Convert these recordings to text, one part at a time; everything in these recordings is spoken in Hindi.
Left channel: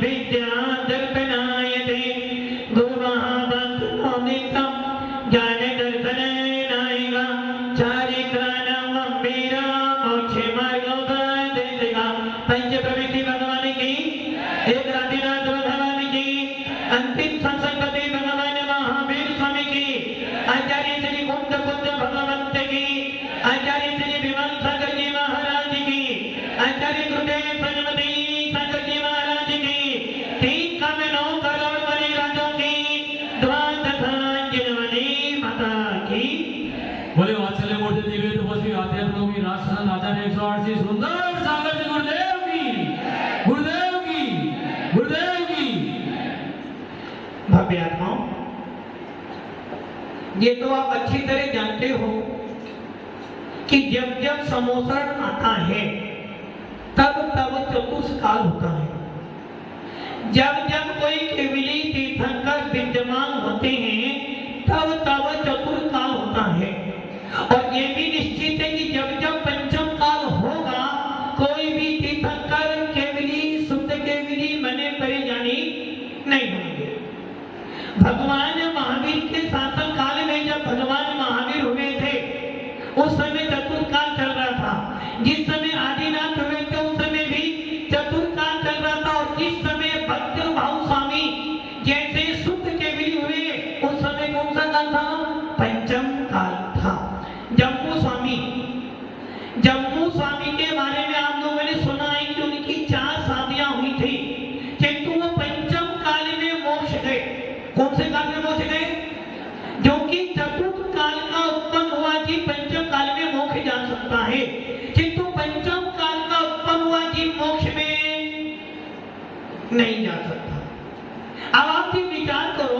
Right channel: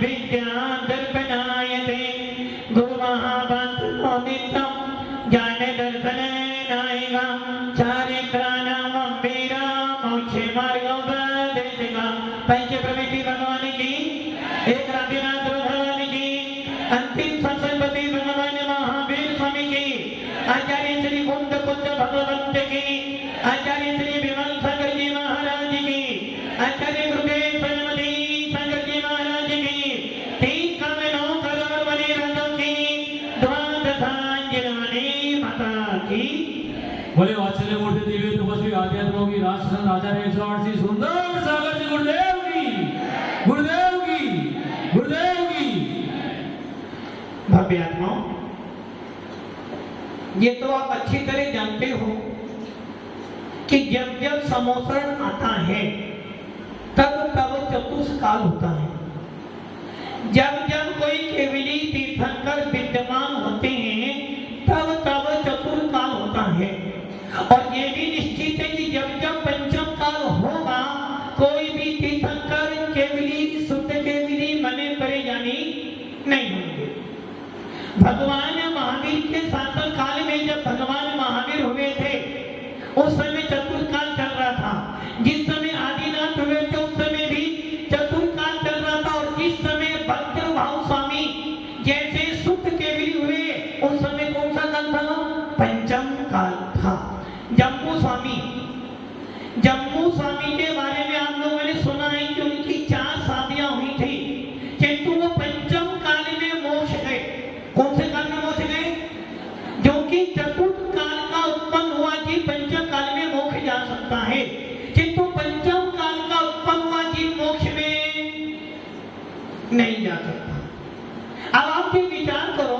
विद्या दर्पणायते गुरुमहावाक्यो नित्यं ज्ञान दर्शनेनैव चारित्राणां वीरा मोक्षे मार्गोपदेशिका। पंच प्रवृत्ति भगवान की, एक राधिनाथ भगवान की, अंतिम संसर्गति भगवान महावीर स्वामी की, आचार्य श्री कुंद कुंद भगवंत की, आचार्य श्री विमल सागर जी महाराज की, आचार्य गुरुदेव सरस्वती सागर जी महाराज की, तीन कामेलों करोड़ वाली राजों की, द्वादशांजलि माता की। बोले वात्सल्य मूर्ति दिव्य तपस्वी आध्यात्म योगी राजस्थान आचार्य 108 सुंदर सागर जी गुरुदेव की, गुरुदेव की, गुरुदेव की। भव्य आत्माओं, ये तो आप अच्छी तरह जानते हो कि जब जब समोसरण आता है तब तब चतुष्काल होता है। जब जब कोई केवली तीर्थंकर विद्यमान होते हैं तब तब चतुर्काल होता है। और ये भी निश्चित है कि जब जब पंचम काल होगा कोई भी तीर्थंकर केवली शुद्ध केवली मने परेशानी नहीं होंगे। भगवान महावीर के शासन काल में जब भगवान महावीर हुए थे उस समय चतुर्काल चल रहा था। जिस समय आदिनाथ हुए थे उस समय भी चतुर्काल चल रहा था। और जिस समय भक्त भाव स्वामी जैसे शुद्ध केवली हुए उस समय कौन सा काल था? पंचम काल था। जम्मू स्वामी के बारे में आप लोगों ने सुना है कि उनकी 4 शादियां हुई थी, किंतु वो पंचम काल में मोक्ष गए। कौन से काल में मोक्ष गए? जो कि चतुर्थ काल का उत्पन्न हुआ जी पंचम काल में मोक्ष जा सकता है, किंतु पंचम काल का उत्पन्न हुआ जी मोक्ष में नहीं जा सकता। अब आप भी विचार करो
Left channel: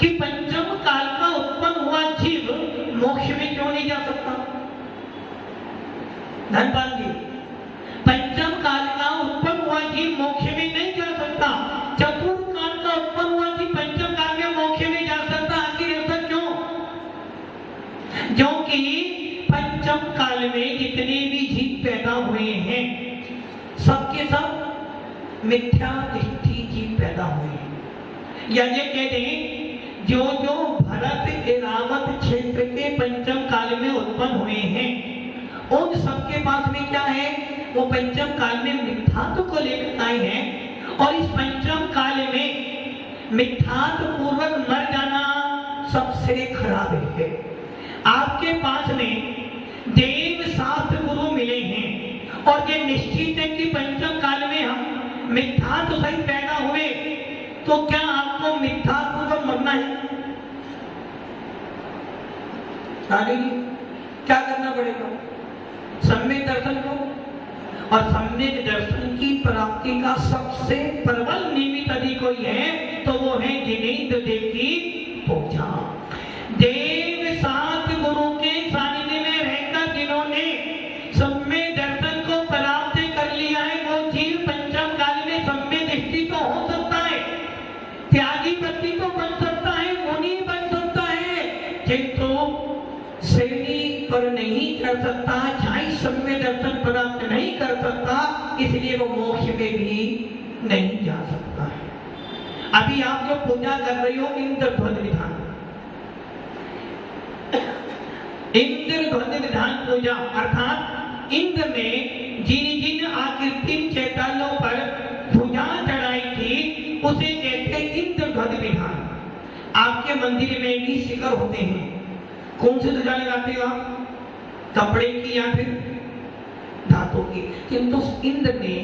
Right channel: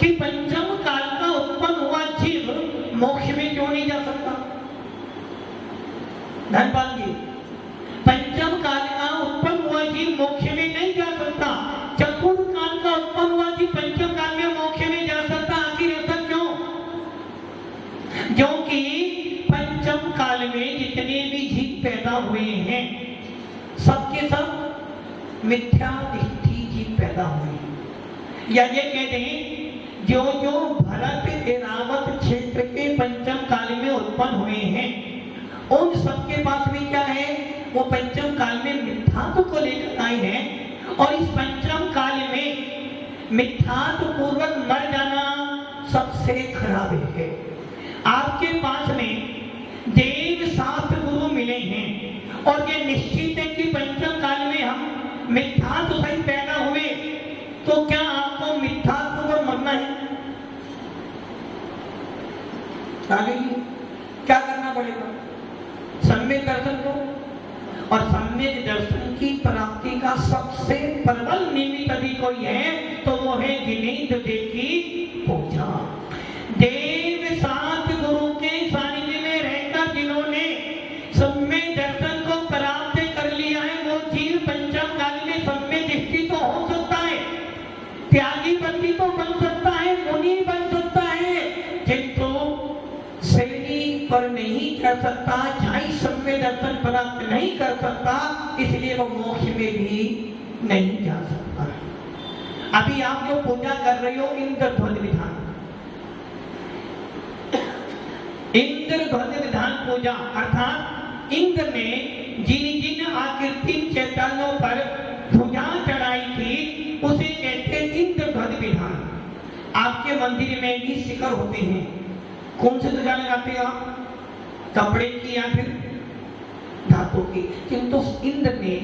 कि पंचम काल का उत्पन्न हुआ जीव मोक्ष में क्यों नहीं जा सकता? धनपाल जी, पंचम काल का उत्पन्न हुआ जीव मोक्ष में नहीं जा सकता, चतुर्थ काल का उत्पन्न हुआ जीव पंचम काल में मोक्ष में जा सकता। आखिर ऐसा क्यों? जो कि पंचम काल में जितने भी जीव पैदा हुए हैं सबके सब मिथ्या दृष्टि जीव पैदा हुए हैं। या ये कहते हैं जो जो भरत एरावत क्षेत्र के पंचम काल में उत्पन्न हुए हैं उन सबके पास में क्या है? वो पंचम काल में मिथ्यात्व को लेकर आए हैं। और इस पंचम काल में मिथ्यात्व पूर्वक मर जाना सबसे खराब है। आपके पास में देव शास्त्र गुरु मिले हैं और ये निश्चित है कि पंचम काल में हम मिथ्यात्व सहित पैदा हुए, तो क्या आपको मिथ्यात्व पूर्वक मरना है? क्या करना पड़ेगा? सम्यक दर्शन को। और सम्यक दर्शन की प्राप्ति का सबसे प्रबल निमित्त यदि कोई है तो वो है जिनेंद्र देव की पूजा। देव शास्त्र गुरु के सानिध्य में रहकर जिन्होंने सम्यक दर्शन को प्राप्त कर लिया है वो जीव पंचम काल में सम्यक दृष्टि को हो सकता है, त्यागी भक्ति को बन सकता है, मुनि बन सकता है, किंतु श्रेणी पर नहीं कर सकता, झाई सम्यक दर्शन प्राप्त नहीं कर सकता, इसलिए वो मोक्ष में भी नहीं जा सकता है। अभी आप जो पूजा कर रहे हो इंद्रध्वज विधान, इंद्रध्वज विधान पूजा अर्थात इंद्र ने जिन जिन आकृति चैतन्यों पर ध्वजा चढ़ाई थी उसे कहते हैं इंद्रध्वज विधान। आपके मंदिर में भी शिखर होते हैं, कौन से ध्वजा लगाते हैं आप? कपड़े की या फिर धातु की। किंतु इंद्र ने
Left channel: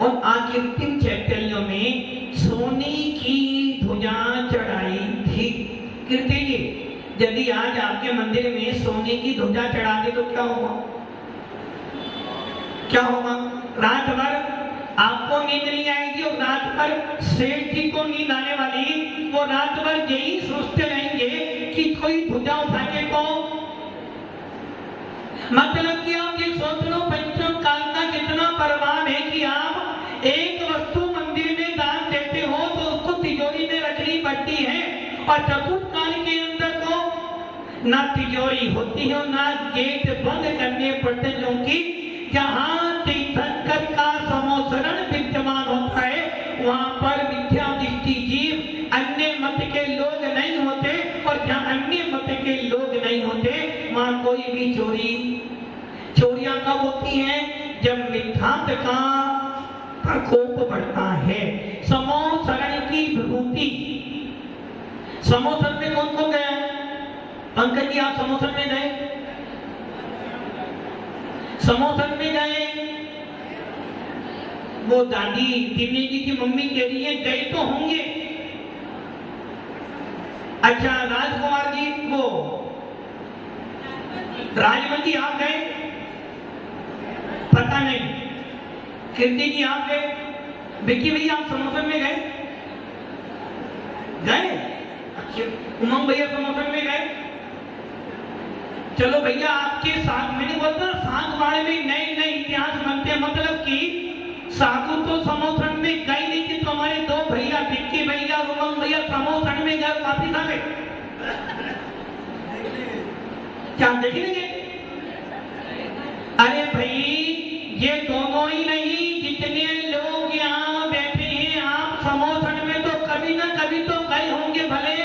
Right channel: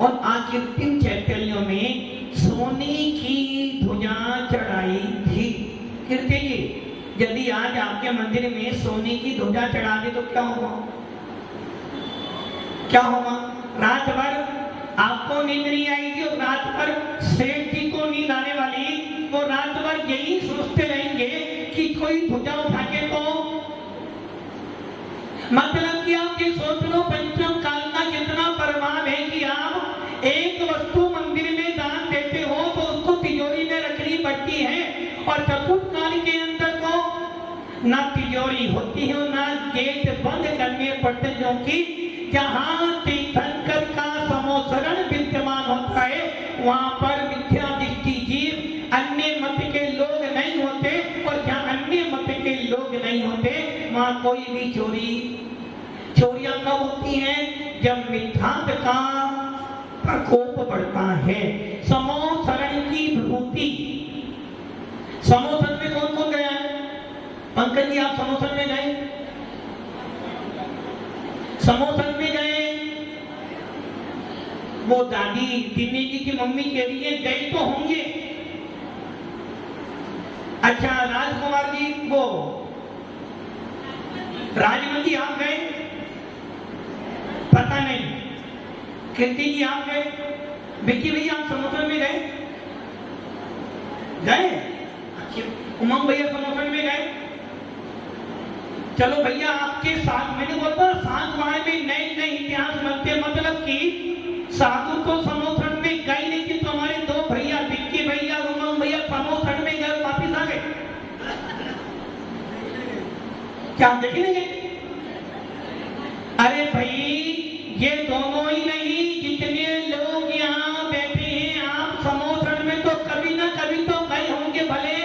उन आकृतिम चैतन्यों में सोने की ध्वजा चढ़ाई थी। कीर्ति जी, यदि आज आपके मंदिर में सोने की ध्वजा चढ़ा दे तो क्या होगा? क्या होगा? रात भर आपको नींद नहीं आएगी और रात भर सेठ जी को नींद आने वाली, वो रात भर यही सोचते रहेंगे कि कोई ध्वजा उठा के तो। मतलब कि आप ये सोच लो पंचम काल का कितना प्रभाव है कि आप एक वस्तु मंदिर में दान देते हो तो उसको तिजोरी में रखनी पड़ती है, और चतुर्थ काल के अंदर तो ना तिजोरी होती है और ना गेट बंद करने पड़ते, क्योंकि जहां तीर्थंकर का समोसरण विद्यमान होता है वहां पर प्रकोप बढ़ता है। समोसरण की विभूति, समोसरण में कौन कौन गया है? पंकज जी, आप समोसरण में गए? समोसरण में गए? वो दादी दिनेश जी की मम्मी कह रही है गए तो होंगे। अच्छा राजकुमार जी, वो राजमन जी आप गए? पता नहीं। कीर्ति जी आप गए? विक्की भैया आप समोसरण में गए? गए? उमंग भैया समोसरण में गए? चलो भैया आपके साथ, मैंने बोलता साथ बारे में नए नए इतिहास बनते, मतलब कि साधु तो समोसरण में गए नहीं कि तो हमारे दो भैया विक्की भैया उमंग भैया समोसरण में गए वापिस आ गए। क्या देखने गए? अरे भाई ये दोनों ही नहीं, जितने लोग यहाँ बैठे हैं आप समोसरण में तो कभी ना कभी तो गए होंगे। भले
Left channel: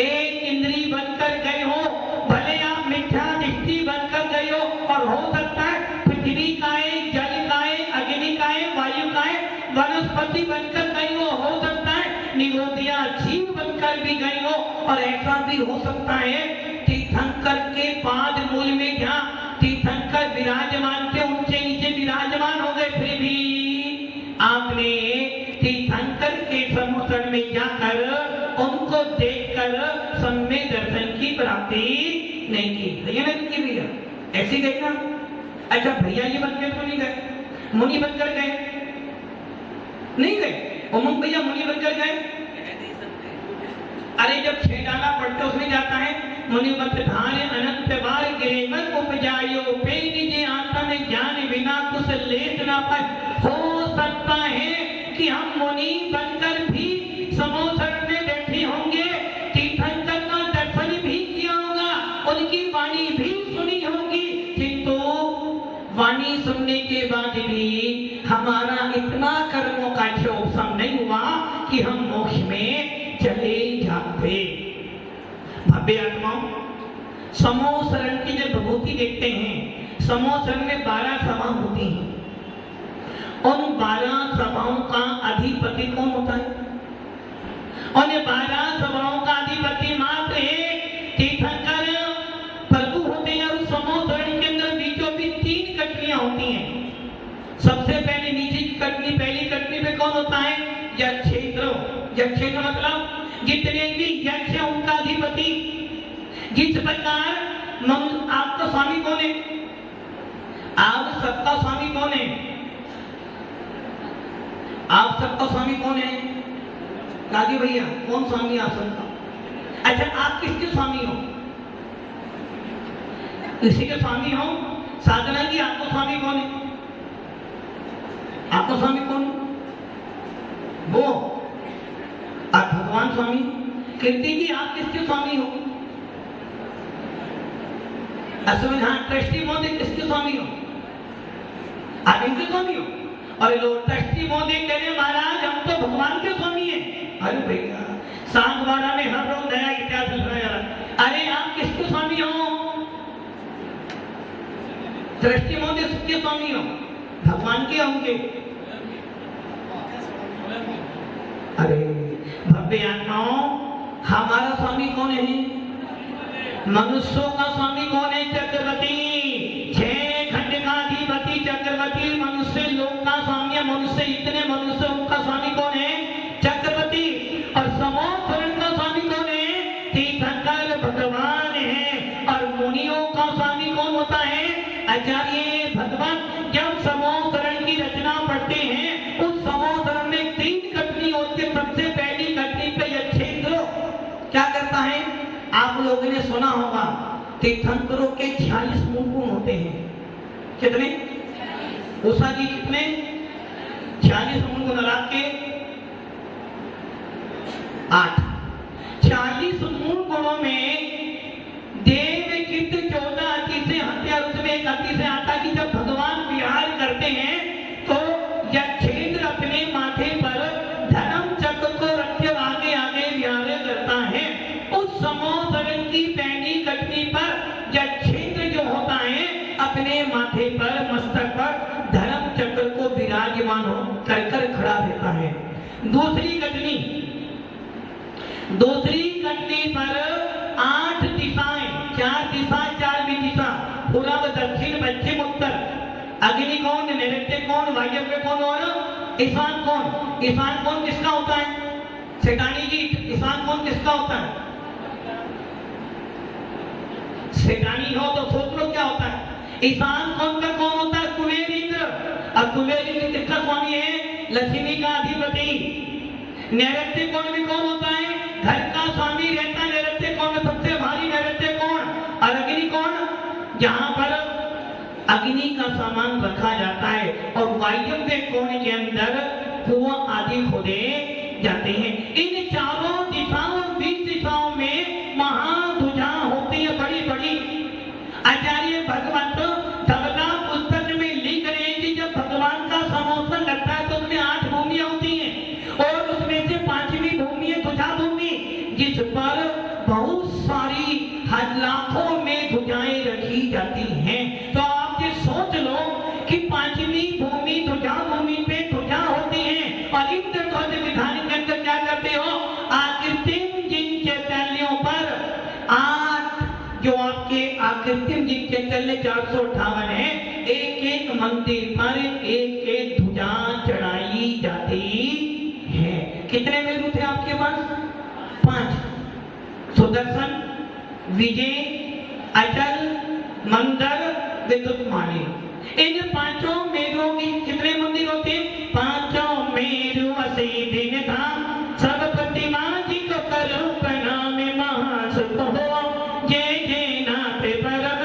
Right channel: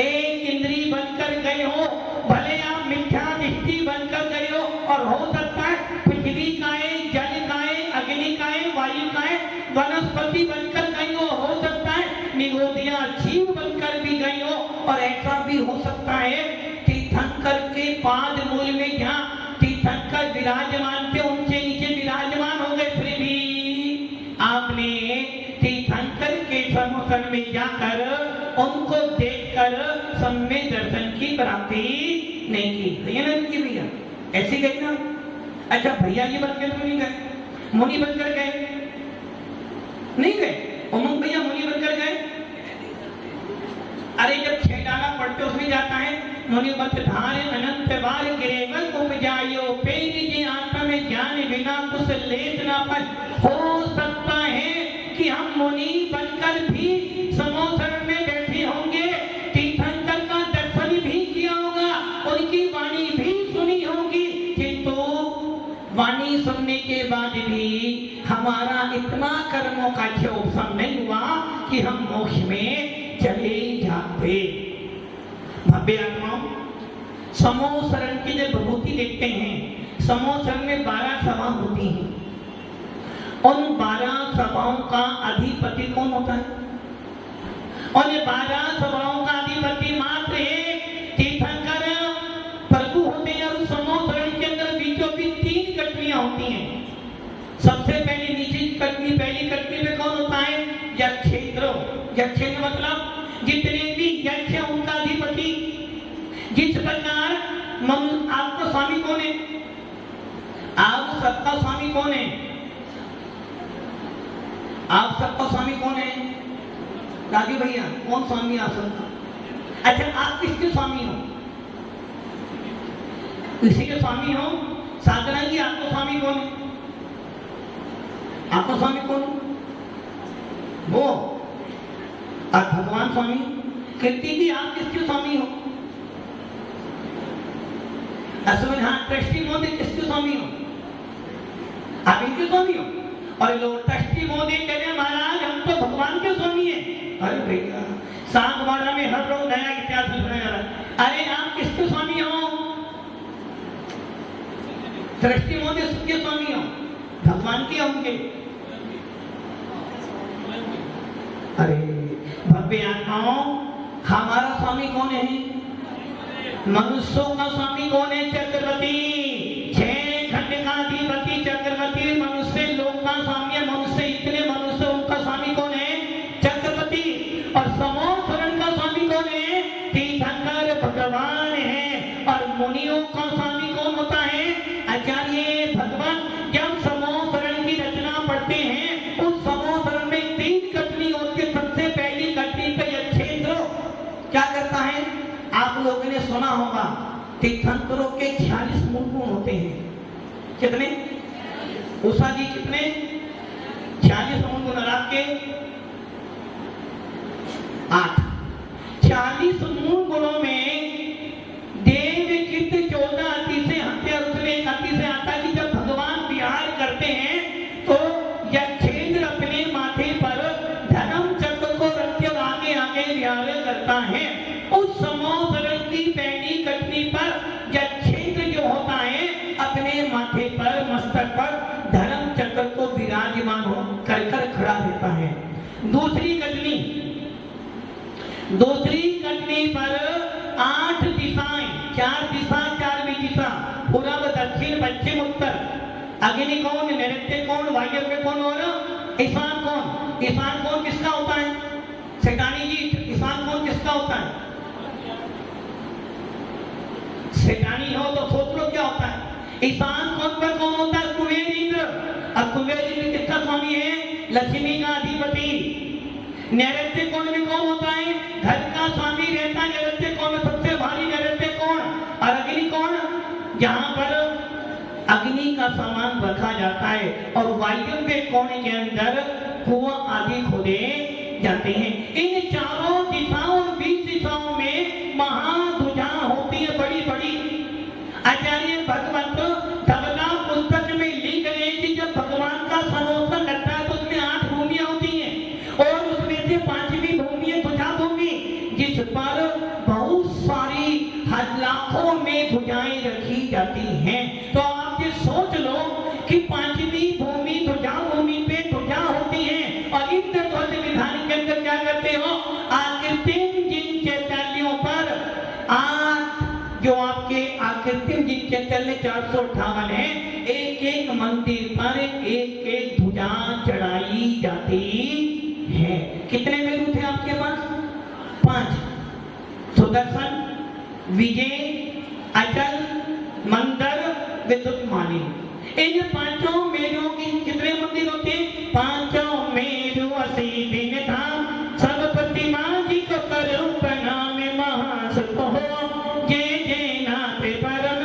एक इंद्री बनकर गए हो, भले आप मिथ्या दृष्टि बनकर गए हो, और हो सकता है पृथ्वी काए, जल काए, अग्नि काए, वायु काए, वनस्पति बनकर गए हो सकता है निगोदिया जीव बनकर भी गए हो, और ऐसा भी हो सकता है तीर्थंकर के पाद मूल में जहाँ तीर्थंकर विराजमान थे ऊंचे नीचे विराजमान हो गए, फिर भी आपने तीर्थंकर के समोसरण में जाकर उनको देखकर सम्य दर्शन की प्राप्ति नहीं की भैया, ऐसी गई ना। अच्छा भैया ये बनकर तो नहीं गए, मुनि बनकर गए? नहीं गए। उमंग भैया मुनि बनकर गए? अरे जब 6 डाला पढ़ते उसमें जाता है मुनि मत धारे अनंत बार गिरेवल उपजायो पे निजे आत्मा में ज्ञान बिना कुछ लेत ना पाए। हो सकता है कि हम मुनि बनकर भी समोसरण में बैठे होंगे, तीर्थंकर का दर्शन भी किया होगा, उनकी वाणी भी सुनी होगी, किंतु वाणी सुनने के बाद भी हमारा इतना कर्मों का क्षोभम नहीं हुआ कि हम मोक्ष में चले जाते। भव्य आत्माओं, समोसरण की जो विभूति देखते हैं, समोसरण में 12 सभा होती हैं। उन 12 सभाओं का अधिपति कौन होता है? उन 12 सभाओं का अधिपति मात्र एक तीर्थंकर प्रभु होते हैं। और समोसरण के अंदर बीचों बीच 3 कटनियां होती हैं। सबसे पहले नीचे की कटनी, पहली कटनी में कौन होता है? यक्षेत्र। यक्षेत्र मतलब जितने भी यक्ष है उनका अधिपति। जिस प्रकार आपका स्वामी कौन है? आप सबका स्वामी कौन है? आप सबका स्वामी कौन है? राजू भैया कौन स्वामी आप सबका? अच्छा आप किसके स्वामी हो? किसी के स्वामी हो? साधना जी आपका स्वामी कौन है? आपका स्वामी कौन है? वो। और भगवान स्वामी? कीर्ति जी आप किसके स्वामी हो? अश्विन हाँ ट्रस्टी मोदी किसके स्वामी हो? आप इनके स्वामी हो? और लोग ट्रस्टी मोदी कह रहे महाराज हम तो भगवान के स्वामी हैं। अरे भैया 7/12 में हर रोज नया इतिहास सुनाया जा रहा। अरे आप किसके स्वामी हो? ट्रस्टी मोदी किसके स्वामी हो? भगवान के होंगे। अरे भव्य आत्माओं, हमारा स्वामी कौन है? मनुष्यों का स्वामी कौन है? चक्रवर्ती। 6 खंड का अधिपति चक्रवर्ती। मनुष्य लोक का स्वामी है। मनुष्य इतने मनुष्य उनका स्वामी कौन है? चक्रवर्ती। और समोसरण का स्वामी कौन है? तीर्थंकर भगवान है। और मुनियों का स्वामी कौन होता है? आचार्य भगवान। जब समोसरण की रचना पढ़ते हैं उस समोसरण में 3 कटनी होती है। सबसे पहली कटनी पे यक्षेत्र क्या करता है? आप लोगों ने सुना होगा तीर्थंकरों के 46 मूल गुण होते हैं। कितने? उषा जी कितने? 46 मूल गुण रात के 8। 46 मूल गुणों में देव चित्त 14 अति से हत्या, उसमें एक अति से आता कि जब भगवान विहार करते हैं तो यक्षेत्र अपने माथे पर धर्म चक्र को रखे आगे आगे विहार करता है। उस समोसरण की पहली कटनी पर यक्षेत्र जो होता है अपने माथे पर मस्तक पर धर्म चक्र को विराजमान कर कर खड़ा रहता है। दूसरी कटनी पर 8 दिशाएं, 4 दिशा 4 भी दिशा, पूर्व दक्षिण पश्चिम उत्तर, अग्नि कौन, नैऋत्य कौन, वायव्य कौन और ईशान कौन। ईशान कौन किसका होता है? सेठानी जी, ईशान कौन किसका होता है? सेठानी हो तो सोच लो क्या होता है। ईशान कौन में कौन होता है? कुबेर इंद्र। और कुबेर इंद्र किसका स्वामी है? लक्ष्मी का अधिपति। नैऋत्य कौन में कौन होता है? घर का स्वामी रहता है नैऋत्य कौन में, सबसे भारी नैऋत्य कौन। और अग्नि कौन? जहां पर अग्नि का सामान रखा जाता है। और वायव्य कोने के अंदर कुआं आदि खोदे जाते हैं। इन चारों दिशाओं 20 दिशाओं में महाध्वजा होती है बड़ी बड़ी। आचार्य भगवत धवला पुस्तक में लिख रहे हैं कि जब भगवान का समोसन लगता है तो उसमें 8 भूमियां होती हैं और उसमें से 5वीं भूमि है ध्वजा भूमि, जिस पर बहुत सारी लाखों में ध्वजाएं रखी जाती हैं। तो आप ये सोच लो कि 5वीं भूमि ध्वजा भूमि पे ध्वजा होती है। और इंद्र ध्वज विधान के अंदर क्या करते हो? आकृतिम जिन चैतन्यों पर 8 जो आपके आकृतिम जिन चैतन्य 458 है, एक एक मंदिर पर एक एक ध्वजा चढ़ाई जाती है। कितने मेरू थे आपके पास? 5। सुदर्शन, विजय, अचल, मंदर, विद्युतमानी। इन 5 मेरुओं की कितने मंदिर होते हैं? 5 मेरु असी दिन धाम, सब प्रतिमा जी को करो प्रणाम, महासुख हो जय जय नाथ परम।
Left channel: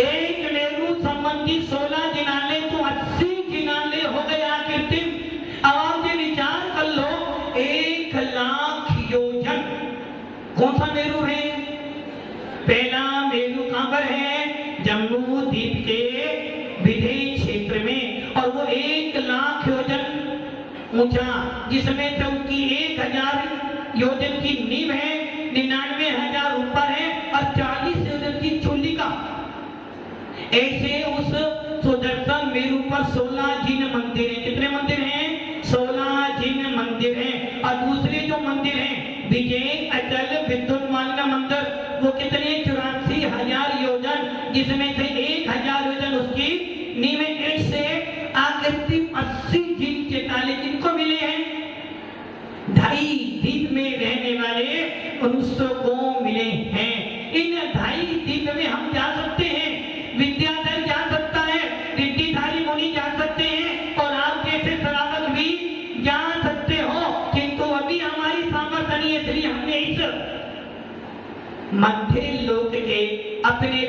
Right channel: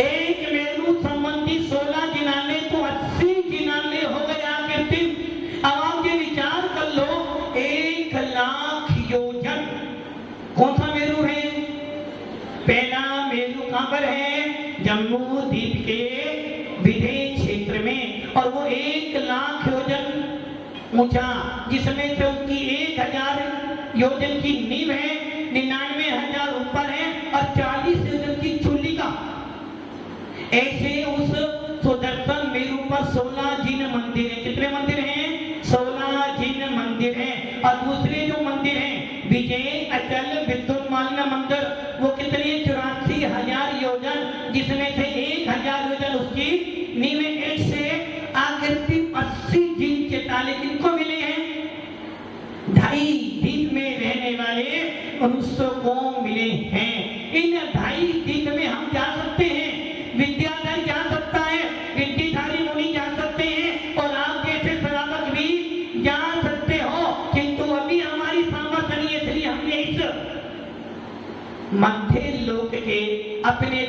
एक मेरु संबंधी 16 जिनाले तो 80 जिनाले हो गए आकृतिम। अब आप ये विचार कर लो, 1 लाख योजन कौन सा मेरु है? पहला मेरु कहां पर है? जम्मू द्वीप के विदेश क्षेत्र में। और वो 1 लाख योजन ऊंचा, जिसमें से उनकी 1000 योजन की नींव है, 99,000 ऊपर है और 40 योजन की चूली का। ऐसे उस सुदर्शन मेरु पर 16 जिन मंदिर है। कितने मंदिर हैं? 16 जिन मंदिर हैं। और दूसरे जो मंदिर हैं विजय, अचल, विद्युतमान मंदिर, वो कितनी है? 84,000 योजन, जिसमें से 1,000 योजन उसकी नींवें। ऐसे आकृति 80 जिन चेताले जिनको मिले हैं। 2.5 द्वीप में रहने वाले मनुष्यों को मिले हैं। इन 2.5 द्वीप में हम जा सकते हैं, विद्याधर जा सकता है, रिद्धिधारी मुनि जा सकते हैं और आप जैसे श्रावक भी जा सकते हो। किंतु अभी हमारी सामर्थ्य नहीं है, इसलिए हमने इस मध्य लोक के अपने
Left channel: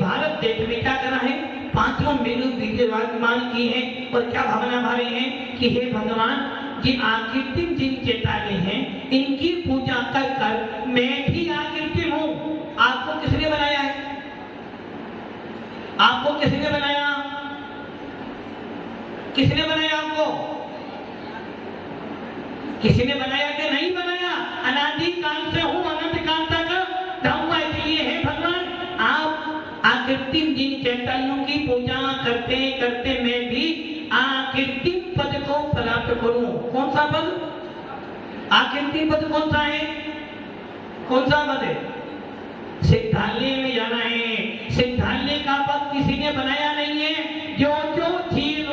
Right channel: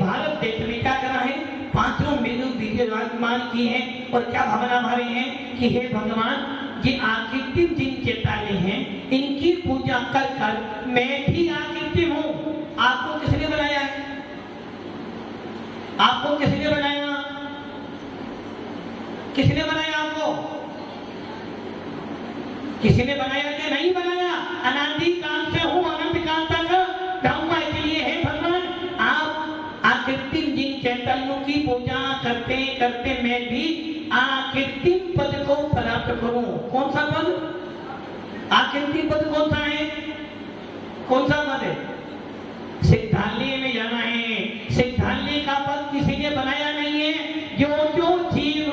भारत देश में क्या करा है? 5 मेरु विराजमान की है। और क्या भावना भरे हैं कि हे भगवान, ये आकृतिम जिन चेताले हैं, इनकी पूजा कर कर मैं भी आकृतिम हूं। आपको किसने बनाया है? आपको किसने बनाया? किसने बनाया आपको? किसी ने बनाया कि नहीं बनाया? अनादि काल से हूं, अनंत काल तक रहूंगा। इसलिए हे भगवान, आप आकृतिम जिन चैतन्यों की पूजा करते करते मैं भी आकृतिम पद को प्राप्त करूं। कौन सा पद? आकृतिम पद कौन सा है? कौन सा पद है? सिद्धालय में जाना है। सिद्धालय का पद किसी ने बनाया नहीं है। जो जीव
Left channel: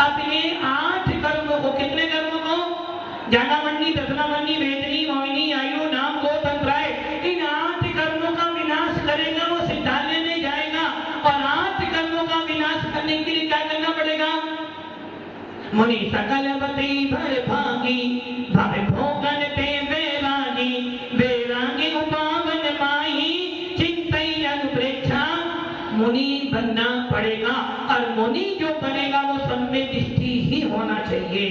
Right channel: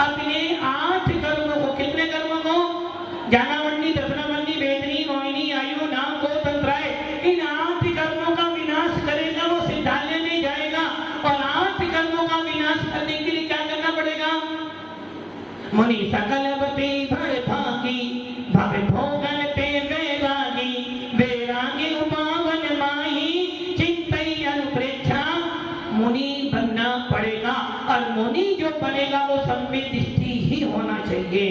अपने 8 कर्मों को, कितने कर्मों को? जानावन्नी, दशनावन्नी, वेदनी, मोहिनी, आयु, नाम, गो, तंत्राय, इन 8 कर्मों का विनाश करेगा, वो सिद्धालय में जाएगा। और 8 कर्मों का विनाश करने के लिए क्या करना पड़ेगा? मुनि सकल बते भय भागी, भव भोगन पे वैरागी, वैरागी उपावन माही, चिंतई अनुप्रेक्षा। मुनि बनना पड़ेगा और मुनि जो बनेगा वो सम्यक दृष्टि ही होना चाहिए।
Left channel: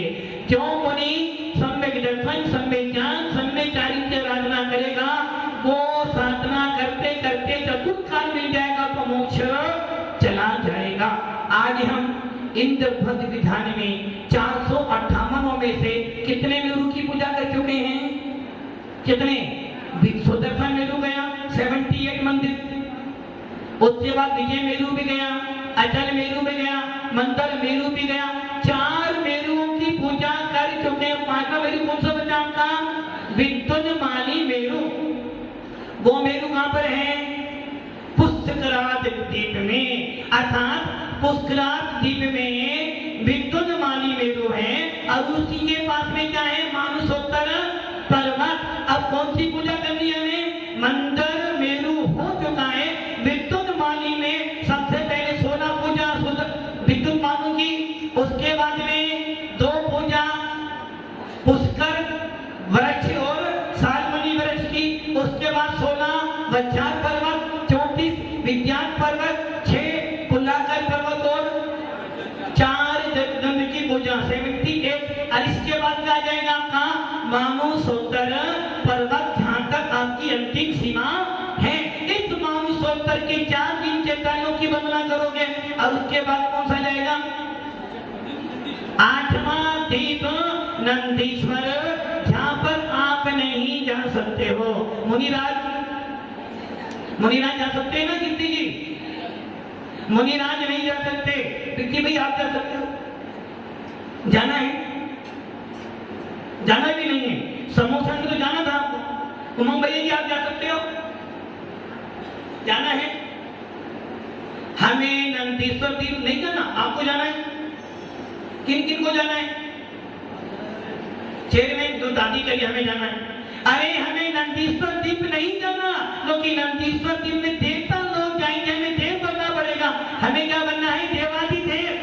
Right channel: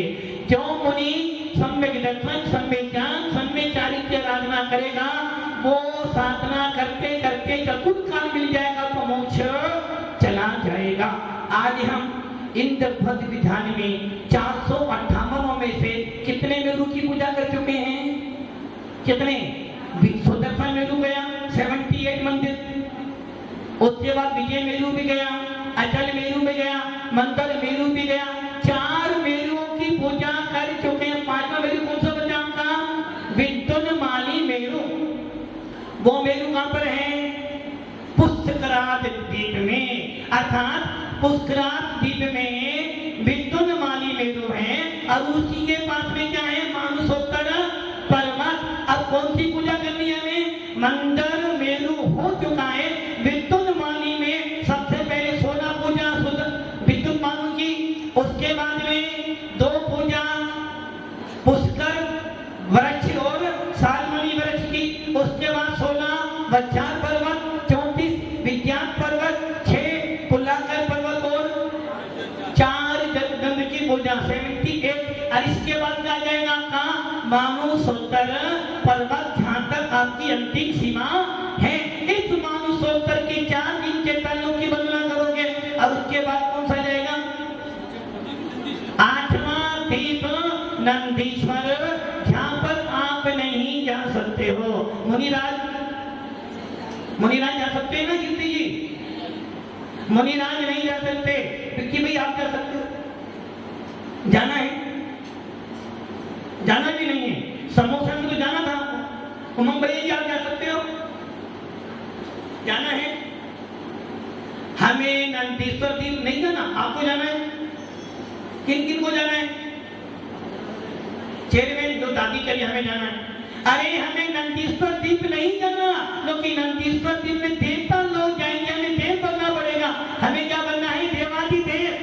जो मुनि सम्यक दर्शन, सम्यक ज्ञान, सम्यक चारित्र्य साधना करेगा, वो साधना करते करते चतुर्काल मिल जाएगा तो मोक्ष चला जाएगा। आज हम इंद्रध्वज विधान में 458 में से कितने मेरु की पूजा कर चुके हैं? कितने? सुदर्शन मेरु गया 78 मंदिर, उसके बाद विजय मेरु भी गया, अचल मेरू में गया, मंतर मेरू भी गया, 4 मेरुओं की पूजा कर चुके हैं। 5वां मेरू कौन सा बचा आपका? विद्युन्माली मेरू। वो मेरू कहां पर है? पुष्कराज द्वीप में, अर्थात पुष्कराज द्वीप में विद्युन्माली मेरू है। और उसी के पास में क्या है? मानसोत्तर पर्वत। अब कौन सी पूजा करनी है हमें? मंदर मेरू हो चुका है। विद्युन्माली में सबसे पहले 16 पूजा विद्युन्मानु की, उसके बाद में 2 पूजा पुष्कर वृक्ष और सालमणि वृक्ष की, उसके बाद 16 वज्रार पर्वत, 34 विज्ञान पर्वत, 6 पुल्लाकर पर्वत और 4 जगदम्ब की पूजा 78। और इसके बाद क्या आ जाएगा आपका? मानसोत्तर पर्वत, जहां तक आपकी अंतिम सीमा है। इस मानसोत्तर के 4 दिन के तलों की वंदना करोगे। और उसके बाद कौन सा जाएगा? 8वां द्वीप नंदीश्वर, जहां पर आप नहीं जा सकते हो। मुनिराज जा सकते हैं ना कीर्ति जी? मुनिराज नहीं जा सकते, क्योंकि भाई आप जा सकते हो। जाना है? जाना भी नहीं है। समोसा में तो जाना था आपको। उमंग भैया जी आप जा सकते हो? जाना है? हमें नंदीश्वर द्वीप नहीं जाना, आपको जाना है। किन किन को जाना है? चेयरमैन जो दादी करी, हमें जाना है। अरे हमें नंदीश्वर द्वीप नहीं जाना, क्योंकि नंदीश्वर द्वीप में देवता लोग जाएंगे, हमें देव बनना पड़ेगा। हमें क्या बनना है? देवाधिदेव।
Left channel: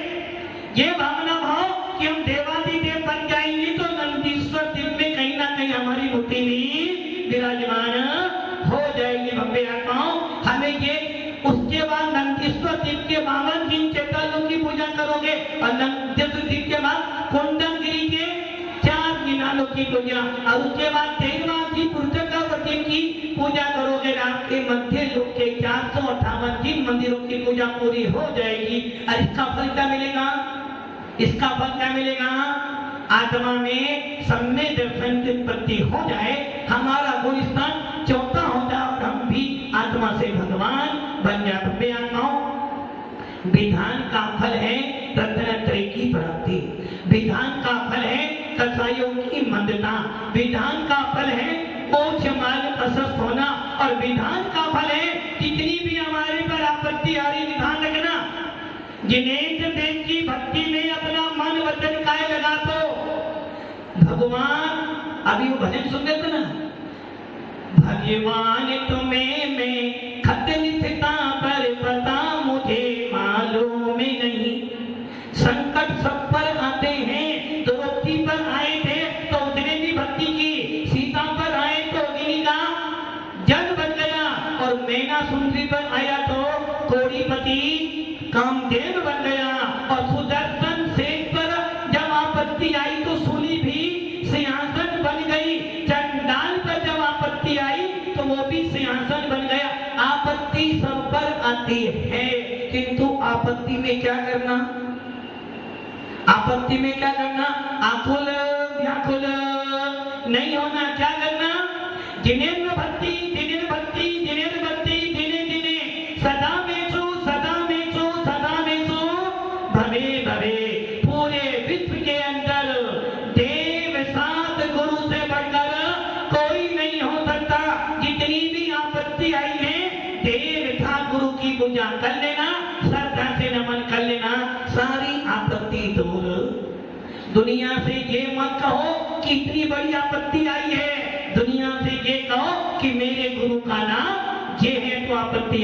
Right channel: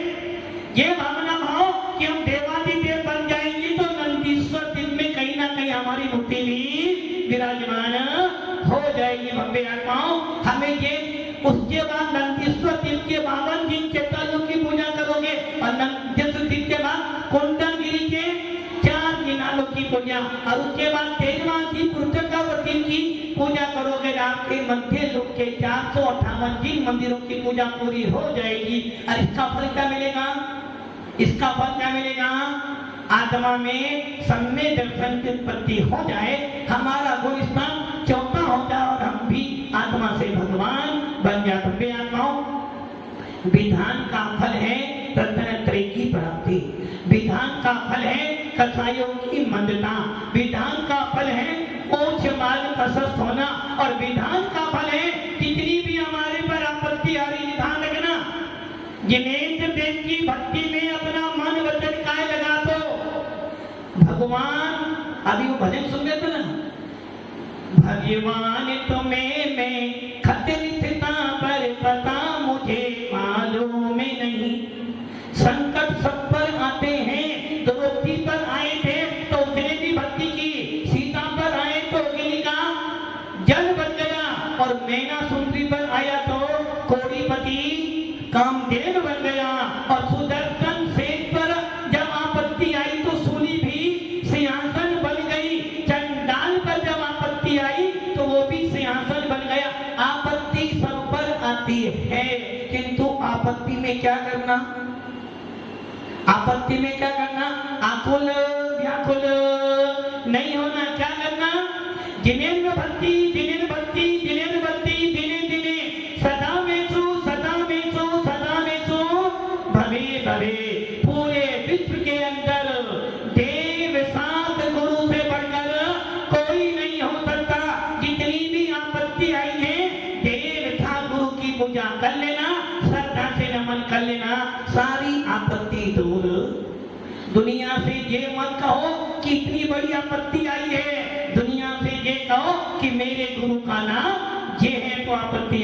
ये भावना भाव कि हम देवाधिदेव बन जाएंगे तो नंदीश्वर द्वीप में कहीं ना कहीं हमारी मूर्ति भी विराजमान हो जाएगी। भव्य आत्माओं, हमें ये उसके बाद नंदीश्वर द्वीप के 52 दिन के तलों की पूजा करोगे। और नंदीश्वर द्वीप के बाद कुंडलगिरी के 4 मीनारों की पूजा। और उसके बाद 13वां की पुरचकावती की पूजा करोगे। आपके मध्य लोक के 458 जिन मंदिरों की पूजा पूरी हो जाएगी। और इसका फल क्या मिलेगा? इसका फल क्या मिलेगा? आत्मा में सम्य दर्शन की उत्पत्ति हो जाए, हमारा गुण स्थान 4था हो जाए और हम भी आत्मा से भगवान बन जाते। आत्माओं, विधान का फल है रत्नत्रय की प्राप्ति। विधान का फल है कसाइयों की मंदता। विधान का फल है मोक्ष मार्ग प्रशस्त होना। और विधान का फल है जितनी भी हमारे पर आपत्ति आ रही, विधान रखना। जिनेन्द्र देव की भक्ति में अपना मन वचन काय लगा दो। भगवान, अभी वो भजन सुन रहे थे ना, भगवान तुम्हें मैं खत लिखता पर पता मुझे मालूम नहीं। संकट सब पर आते हैं, द्रौपदी पर आए थे तो उसने भी भक्ति की, सीता पर आए तो अग्नि का जल बन गया, और मैना सुंदरी पर आया तो कोड़ीपति कामदेव बन गया। और सुदर्शन सेन पर जब आपत्ति आई तो सूली भी सिंहासन बन गई। चंडाल पर जब आपत्ति आई तो वो भी सिंहासन बन गया। आपत्ति सब पर आती है, किंतु आपत्ति में क्या करना? आपत्ति में क्या करना? आकुल व्याकुल नहीं होना। क्या करना? जिनेन्द्र भक्ति, जिनेन्द्र भक्ति, जिनेन्द्र भक्ति, दिने दिने सदा मेषु, सदा मेषु, सदा मेषु भवे भवे। पूरे विश्व के अंदर देव साथ गुरु से बढ़कर कोई नहीं हो सकता। जितनी भी आपत्ति आई है, देव था गुरु की पूजा कर लेना, श्रद्धा से नमन कर लेना, सारी आपत्ति दूर। दुनिया से ये मत कहो कि इतनी बड़ी आपत्ति आई है, दुनिया से ये कहो कि मेरे गुरु का नाम ये है तो आपत्ति